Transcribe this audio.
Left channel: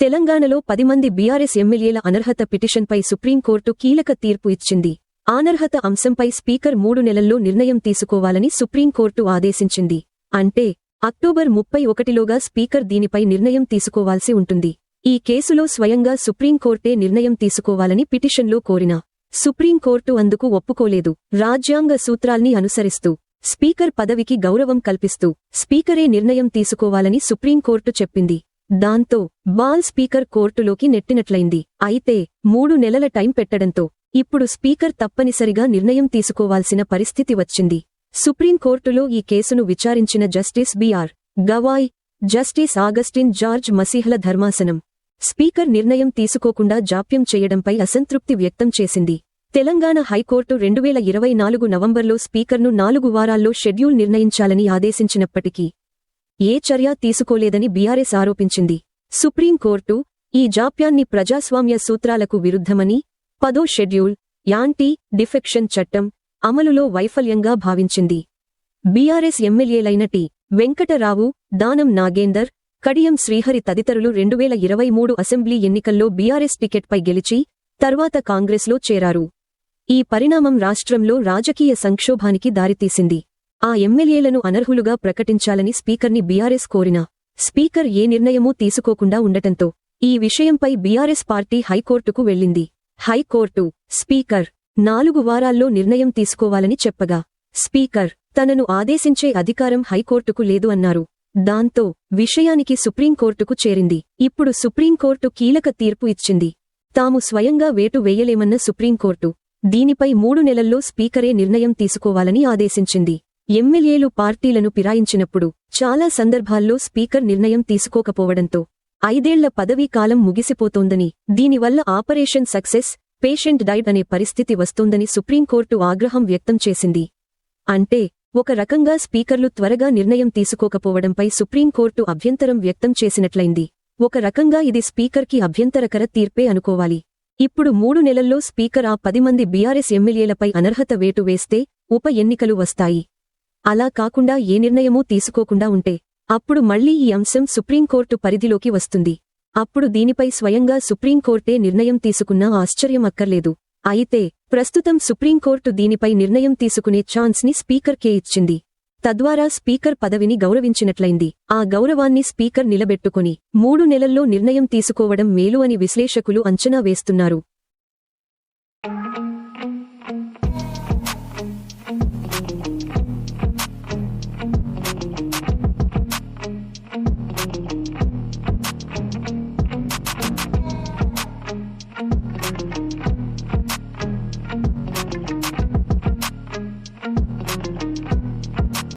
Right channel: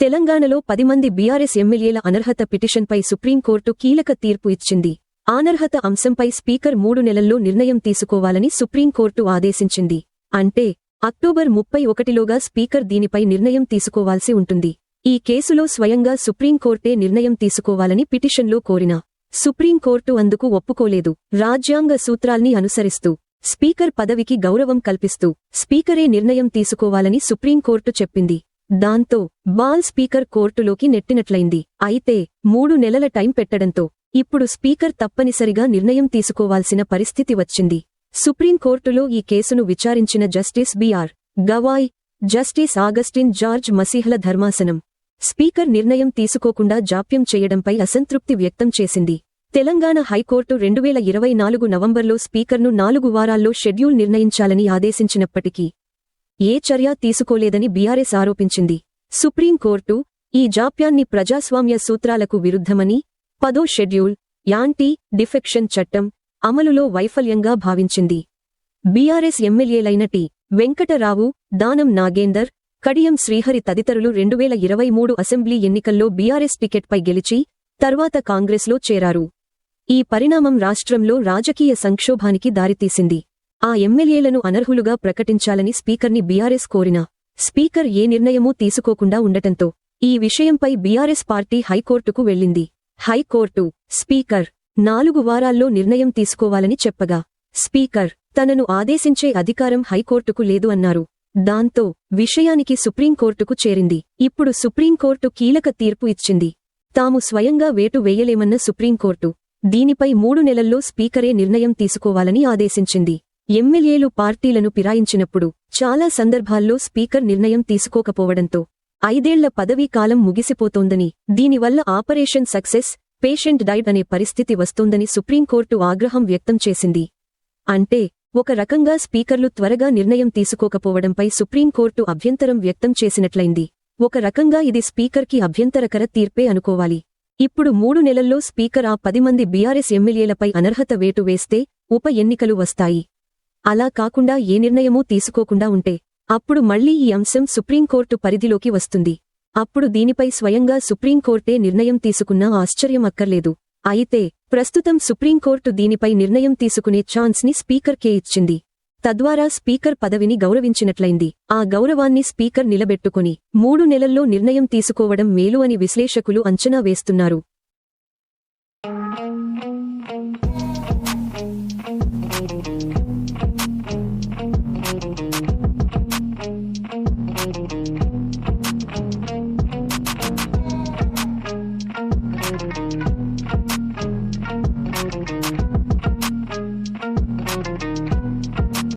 తెలంగాణలో 10 మంది బీఆర్ఎస్ ఎమ్మెల్యేల అనర్హత పిటిషన్పై సుప్రీంకోర్టు కీలక తీర్పు ఇచ్చింది. అనర్హత అంశంపై స్పీకర్ 3 నెలల్లో నిర్ణయం తీసుకోవాలని సుప్రీంకోర్టు ఆదేశించింది. అంటే అక్టోబర్ 31లోగా స్పీకర్ దీనిపై నిర్ణయం తీసుకోవాల్సి ఉంటుంది. ఈ కేసులో స్వయంగా సుప్రీంకోర్టే నిర్ణయం తీసుకోవాలని పిటిషన్లో కోరిన సుప్రీంకోర్టు అందుకు ఒప్పుకోలేదు. రాజ్యాంగ సూత్రాల్ని అనుసరిస్తూ స్పీకర్ పదవికి గౌరవం కల్పిస్తూ స్పీకరే నిర్ణయం తీసుకోవాలని సుప్రీంకోర్టు చెప్పింది. దాంతో బాల్ స్పీకర్ కోర్టులోకి నెట్టినట్లయింది. అయితే 3 నెలల టైం పెట్టడంతో ఇప్పుడు స్పీకర్ తప్పనిసరిగా నిర్ణయం తీసుకోవాల్సిన పరిస్థితి వచ్చింది. సుప్రీంకోర్టులో ఈ కేసును విచారించిన justice BR Gavai, justice Augustine George మసీహ్ల ధర్మాసనం స్పీకర్ నిర్ణయం తీసుకోకుండా జాప్యం చేయడంపై అసంతృప్తి వ్యక్తం చేసింది. తెలంగాణ హైకోర్టు 2024 నవంబర్లో స్పీకర్ను 4 వారాల్లో షెడ్యూల్ నిర్ణయించాలని ఆదేశించినప్పటికీ ఏ చర్య తీసుకోలేదని బీఆర్ఎస్ ఆరోపించింది. సుప్రీంకోర్టు ఈ జాప్యాన్ని ప్రజాస్వామ్య సూత్రాలకు విరుద్ధమని 10వ షెడ్యూల్ యాంటీ డిఫెక్షన్ చట్టం అమలులో వైఫల్యంగా భావించింది. BRS ఎమ్మెల్యేలైన T. వెంకటరావు, దానం నాగేందర్, కడియం శ్రీహరి తదితరులు 2023 అసెంబ్లీ ఎన్నికల్లో బీఆర్ఎస్ టికెట్పై గెలిచి తర్వాత కాంగ్రెస్లో చేరారు. ఈ పరిణామం రాష్ట్రంలో రాజకీయ సంక్షోభానికి దారితీసింది. ఆ ఎమ్మెల్యేలను అనర్హులుగా ప్రకటించాలని స్పీకర్ని బీఆర్ఎస్ కోరినా స్పీకర్ ఏ నిర్ణయమూ తీసుకోకుండా ఉండటంతో ఈ విషయంపై బీఆర్ఎస్ పార్టీ హైకోర్టుకు వెళ్లింది. హైకోర్టు స్పీకర్ 4 వారాల్లో నిర్ణయం తీసుకోవాలని చెప్పగా స్పీకర్ తనను ఆదేశించే అధికారం హైకోర్టుకు లేదు అన్నారు. దాంతో విషయానికి సుప్రీంకోర్టుకు చేరింది. ఇప్పుడు సుప్రీంకోర్టు కీలక తీర్పు ఇచ్చింది. తాము స్వయంగా వేటు వేయలేమన్న సుప్రీంకోర్టు దీనిపై 3 నెలల్లో స్పీకరే నిర్ణయం తీసుకోవాలని ఆదేశించింది. ఎమ్మెల్యేలు పార్టీలను ఫిరాయించినప్పుడు చాలా సందర్భాల్లో స్పీకర్ నిర్ణయం తీసుకోకపోవడంతో 5 ఏళ్ల పదవీ కాలం ముగిసిపోతోందని, దీనివల్ల ఆపరేషన్ సక్సెస్, పేషెంట్ డైడ్ అనే పరిస్థితి వస్తోందని సుప్రీంకోర్టు ఆగ్రహం వ్యక్తం చేసింది. అంటే ఒక రకంగా స్పీకర్లు త్వరగా నిర్ణయం తీసుకోకపోవడంపై సుప్రీంకోర్టు అభ్యంతరం వ్యక్తం చేసినట్లయింది. ఒక రకంగా ఇది స్పీకర్కి అభ్యంతరకర తీర్పే అనుకోవాలి. ఇప్పుడు 3 నెలల్లో స్పీకర్ ఆ 10 మంది బీఆర్ఎస్ ఎమ్మెల్యేలపై అనర్హత వేటు వేస్తే ఉప ఎన్నికలు వస్తాయి. అలా కాకుండా ఏ నిర్ణయమూ తీసుకోకుండా ఉంటే అప్పుడు మళ్లీ ఈ అంశం సుప్రీంకోర్టు పరిధిలోకి వస్తుంది. అప్పుడు దీనిపై స్వయంగా సుప్రీంకోర్టే నిర్ణయం తీసుకున్నా ఆశ్చర్యం అక్కర్లేదు. అయితే ప్రస్తుతం సుప్రీంకోర్టు దీనిపై నిర్ణయం తీసుకునే ఛాన్స్ ని స్పీకర్కే ఇచ్చింది. తద్వారా స్పీకర్ పదవిని గౌరవించినట్లయింది. ఆ గౌరవాన్ని స్పీకర్ నిలబెట్టుకుని 3 నెలల్లో నిర్ణయం తీసుకోవడం మేలు అని విశ్లేషకులు అంచనా వేస్తున్నారు.